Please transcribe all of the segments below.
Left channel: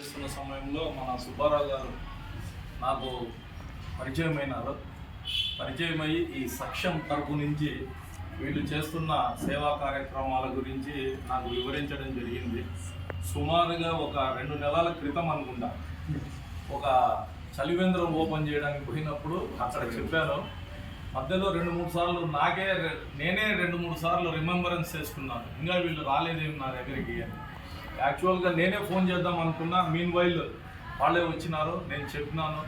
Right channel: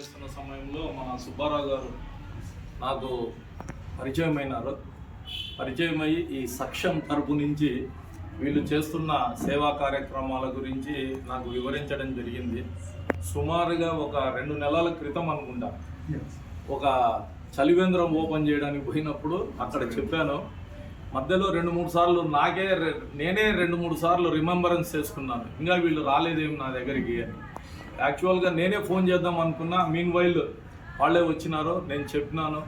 చేస్తున్న సమయంలో మన సుబ్బారావు గారు నాకు పరిచయమైనారు. పరిచయమయ్యి ఈ సక్షం తరపు నుంచి వీళ్ళు చేస్తున్న సేవా కార్యక్రమాల గురించి నాకు వివరించడం జరిగింది. సుమారుగా ఒక 2 నెలల క్రితం అనుకుంటా ఒక చలివేంద్రం ఓపెన్ చేయడానికి పోయినప్పుడు అక్కడ చెప్పాను. మధ్యలో 2-3 సార్లు నేనే 2-3 సార్లు రిమెంబరెన్స్ చేసుకున్నాను, ఇంకా వీళ్ళు రాలేదేమి నా దగ్గరికి అని. యాక్చువల్గా నేనే ఫోన్ చేద్దాం అనుకున్నా, మీన్ వైల్ వాళ్ళే వచ్చినారు. నేను చెప్పినాను,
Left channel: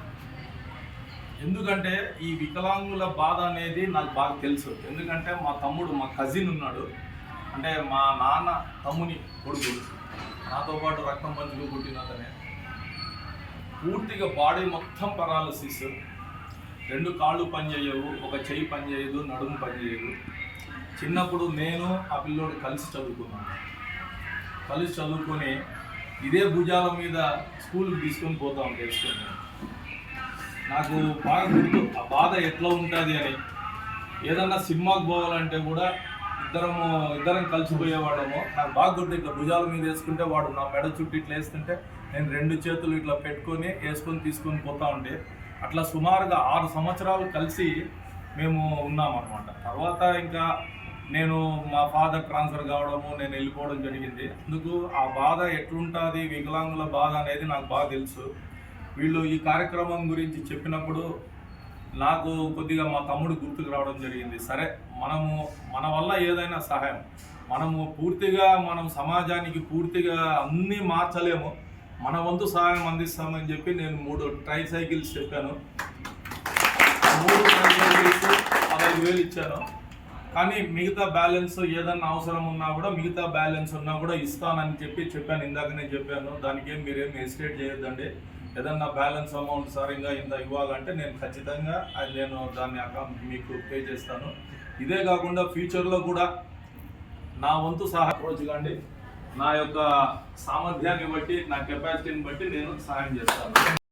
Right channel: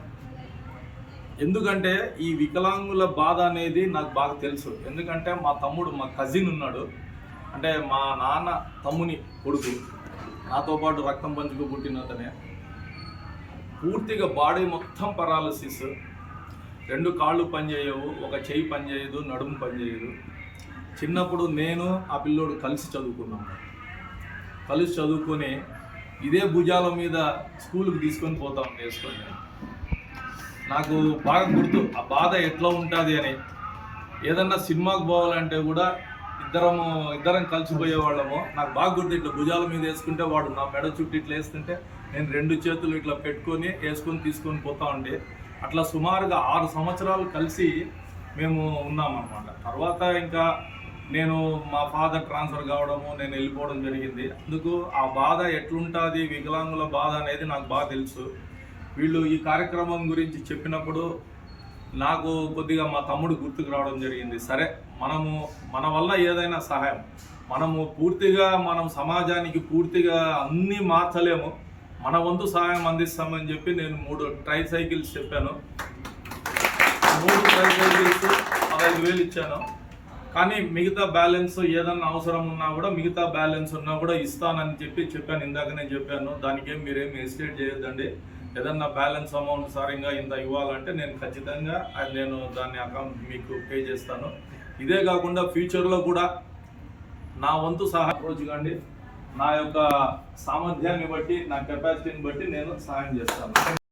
ఎందుకంటే ఈ వికలాంగుల బాధ అనేది నాకు బాగా తెలుసు. ఎందుకంటే మా తమ్ముడు, మా కజిన్ ఉన్నాడు, అంటే మా నాన్న తమ్ముని కొడుకు, నాతో పాటు రక్తం పంచుకు పుట్టినతనే. పూర్తిగా బాడీ మొత్తం పరాలసిస్, 2 కాళ్ళు పనిచేయవు, ఒక చెయ్యి పనిచేయదు, నడుము పనిచేయదు. చిన్నప్పుడు నేను ఆ పిల్లోడు కలిసి చదువుకొని ఇదే భుజాల మీద స్కూల్కి తీసుకొని పోతాం చేసుకొని. నాకు బాగా గుర్తు ఆ బాధ ఎట్లా ఉంటుంది అని. ఏదన్నా సినిమాకి పోవాలంటే కూడా ఇద్దరం కలిసిపోయేవాళ్ళము. నాకు బాగా గుర్తు, ఇట్లా భుజాల మీద వేసుకుంటే వాడు నా మెడ చుట్టూ ఇట్లా వేస్తుంటే నేను 2 చేతులు ఇట్లా పెట్టుకొని తీసుకొని పోతా ఉండే. అట్లా సుమారుగా 6 సంవత్సరాలు కలిసి మేము ఉన్నామన్నమాట. తర్వాత ఇంకా నేను మా ఫాదర్ ట్రాన్స్ఫర్ కావడము, నేను వెళ్ళిపోవడం జరిగింది. అందుకు ఆ బాధ ఎట్లుంటుంది, వికలాంగుల బాధ అనేది నాకు బాగా తెలుసు. వీళ్ళు ఈ కార్యక్రమం గురించి చెప్పినప్పుడు నాకు కొద్దిగా మా తమ్ముడు గుర్తుకు రావడం జరిగింది. సరే, మన వల్ల ఏదైనా సహాయం, మనం సమాజానికి పూర్తిగా అన్నీ మార్చలేము, మన వంతు సహాయం అందిస్తామని చెప్పి నేను 3 ట్రైసైకిల్స్ చెప్పాను. 3 ట్రైసైకిల్స్ 15,000 ఇచ్చాను. కానీ మిగతా బ్యాలెన్స్ ఏదన్నా అవసరం ఉన్నా కూడా, మిగతా బ్యాలెన్స్ ఉన్నా కూడా ఇస్తానని చెప్పాను. ఇందాకనే చెప్పాను, దానికేం మీరేం హెసిటేట్ చేయొద్దండి. ఏదన్నా బ్యాలెన్స్ అమౌంట్ సారింగా ఇంత ఇవ్వాలంటే నేను ఖచ్చితంగా దాన్ని అకౌంట్ మీకు పే చేస్తాను. ఇదే కాకుండా ఫ్యూచర్లో కూడా నా వంతు సహాయం అప్రోచ్ కాండి, నా యొక్క సామర్థ్యాన్ని బట్టి, నా కెపాసిటీని బట్టి నేను సహాయం చేస్తాను.